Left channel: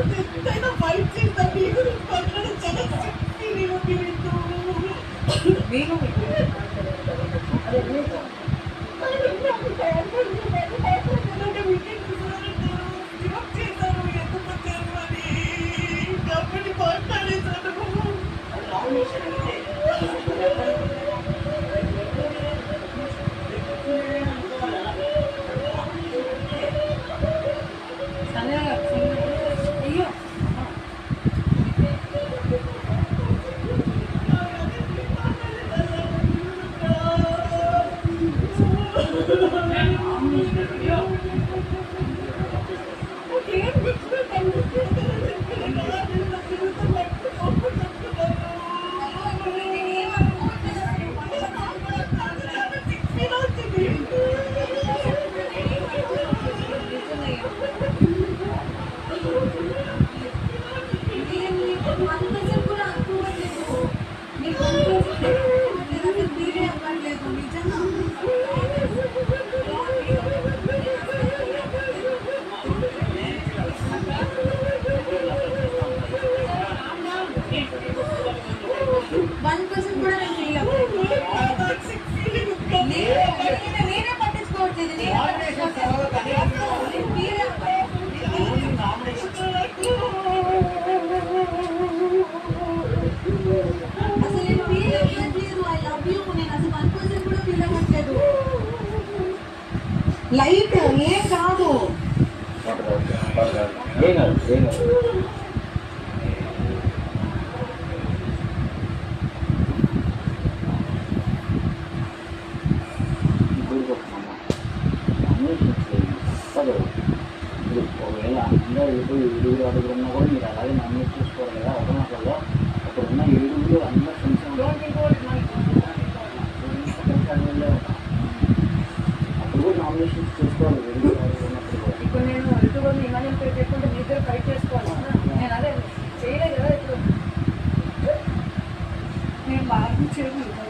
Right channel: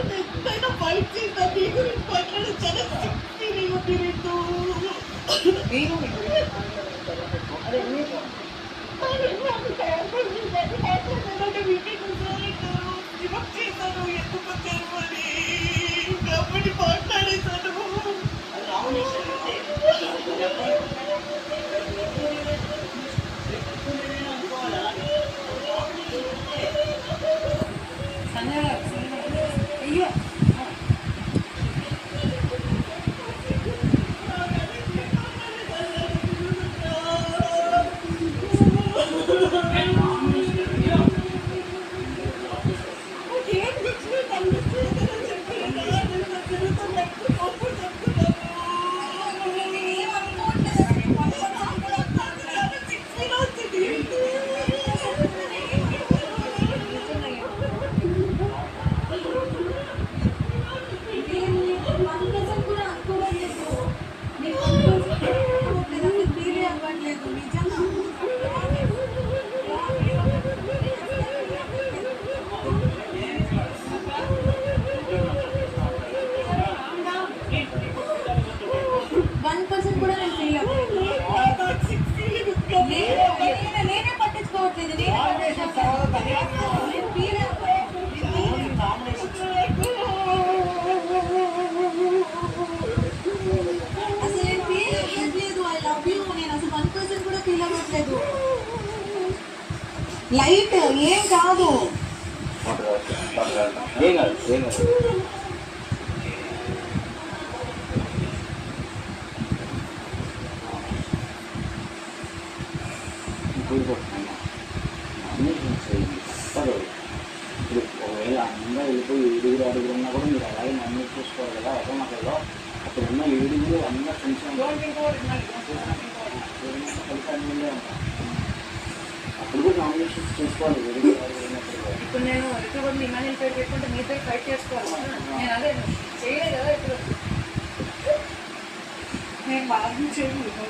ఎంతైనా ఫైట్ చేస్తాను నీ గురించి మాట్లాడే చాలా ఫీలింగ్ ఉంది నీకు. నేను అదే కాబట్టి మాట్లాడేశాను. నేనే పట్టించుకోవట్లేదు. లైట్ ఏం కాదు. ఒకవేళ అందరూ వెళ్ళిపోయి 7 అడుగులు ఉన్నా కూడా మీరు అలాగే నామినేట్ చూసుకోవాలి కదా. ఒకరినొకరిలో అక్కడ ఉన్న 7 అందరూ కొంచెం అప్పుడు కూడా నామినేషన్స్ చేసుకోవాలి. ఇప్పుడు నేను ఇప్పుడు మీ మనీ పెట్టుకుంటే మీ ఇద్దరు ఫైట్ చేసుకోవాలి. నేను అదే చేయలేదు కదా. ఇప్పుడు నేను బాగా చేయలేదు.